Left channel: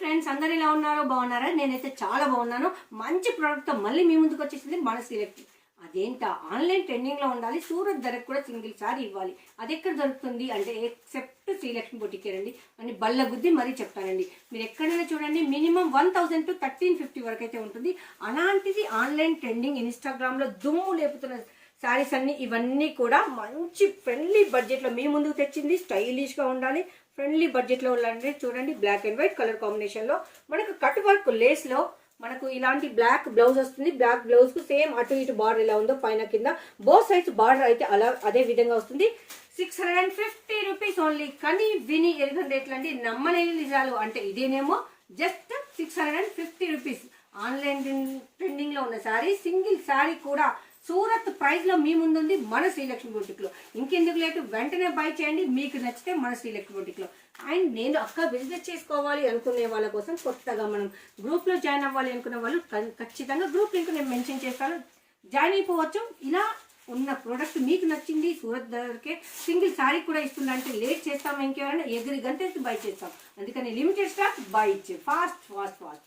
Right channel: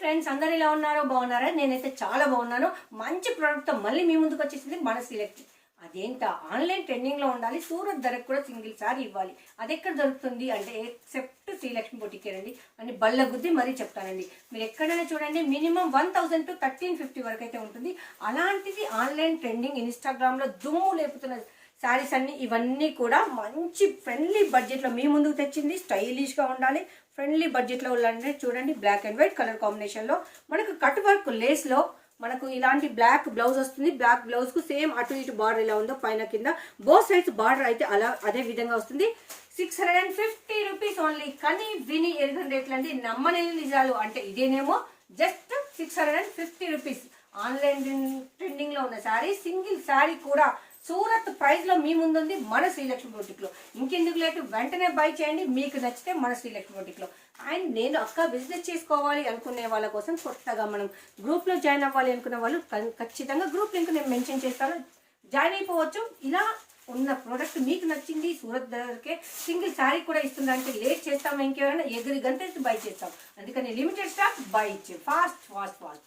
Friends, అందరు ఎలా ఉన్నారో బాగున్నారా? నేనైతే చాలా బాగున్నాను. మంచి ప్రోడక్ట్తో మళ్ళీ మీ ముందుకు వచ్చేసింది మన శ్రీలక్ష్మి. అదేంటా ఆన్లైన్ ట్రెండింగ్లో ఉండాలి, సూరత్ ధరకు కూడా సింగిల్ సారీ ఇవ్వాలి. అది ఎక్కడ దొరుకుతుంది అంటే ఎక్సెప్ట్ శ్రీలక్ష్మి బొటికేనండి అని బల్ల గుద్ది మరీ చెప్తానండి. మీరు ఎక్కడైనా చూడండి, మినిమం 1000 to 1350 వరకు అయితే ఉంటుంది. అలాంటిది ఆన్లైన్ ట్రెండింగ్ ఇన్స్టాగ్రామ్లో దుమ్ము లేపుతున్న శారీస్ అన్ని ఇవన్నీ కూడా మంచి ఫ్రెండ్లీ బడ్జెట్లో మీ ముందుకు తెచ్చింది. స్టైలిష్గా ఉండాలి, ఫ్రెండ్లీ బడ్జెట్లో ఉండాలంటే చూడండి, బ్లాక్ అండ్ వైట్ కలర్ కాంబినేషన్లో మనకు కట్ వర్క్ లేస్లో మనకు ఇలాంటి బ్లాక్ బ్లౌజ్ వస్తుంది. బ్లాక్ బ్లౌజ్ కు సేమ్ అటు ఇటు బార్డర్ ఎలా ఉందో పైన కింద బోత్ సైడ్స్ బార్డర్ అయితే అదే విధంగా వస్తుంది. 650 రూపీస్ ఓన్లీ. కానీ విని ఎరుగని రేట్లు అండి, నమ్మలేని నిజాలు. అంటే ఇదేనేమో జస్ట్ 650 రూపీస్. ఆన్లైన్ ట్రెండింగ్ లో ఉన్న శారీ, సింగిల్ శారీ కూడా సూరత్ ప్రైస్ లో మీ ముందుంది మన శ్రీలక్ష్మి బొటిక్ లో. ఇంకెందుకు లేటు, వెంటనే బై చేయండి. మీకు నచ్చితే మన శ్రీలక్ష్మి బొటిక్ లో. అండ్ నేను అక్క బిజినెస్ చేసుకోవాలి అనుకునే వాళ్ళ కోసం కొత్తగా మనం గ్రూప్ లో జాయిన్ అవ్వాలి అనుకునే వాళ్ళు ఖచ్చితంగా గ్రూప్ లింక్ నేను మెన్షన్ చేస్తాను, జాయిన్ అయిపోవచ్చు. ఇలా ఉన్న ప్రోడక్ట్ మీకు నచ్చింది, సూరత్ ధరకే సింగిల్ శారీ కూడా ఇస్తుందంటే లేట్ చేస్తాము, ఇంకెవరైనా ఎదురు గంట బై చేస్తాం. అందుకని లిమిటెడ్ స్టాక్ బై ఇచ్చే, ఫాస్ట్ ఫాస్ట్ ఫాస్ట్.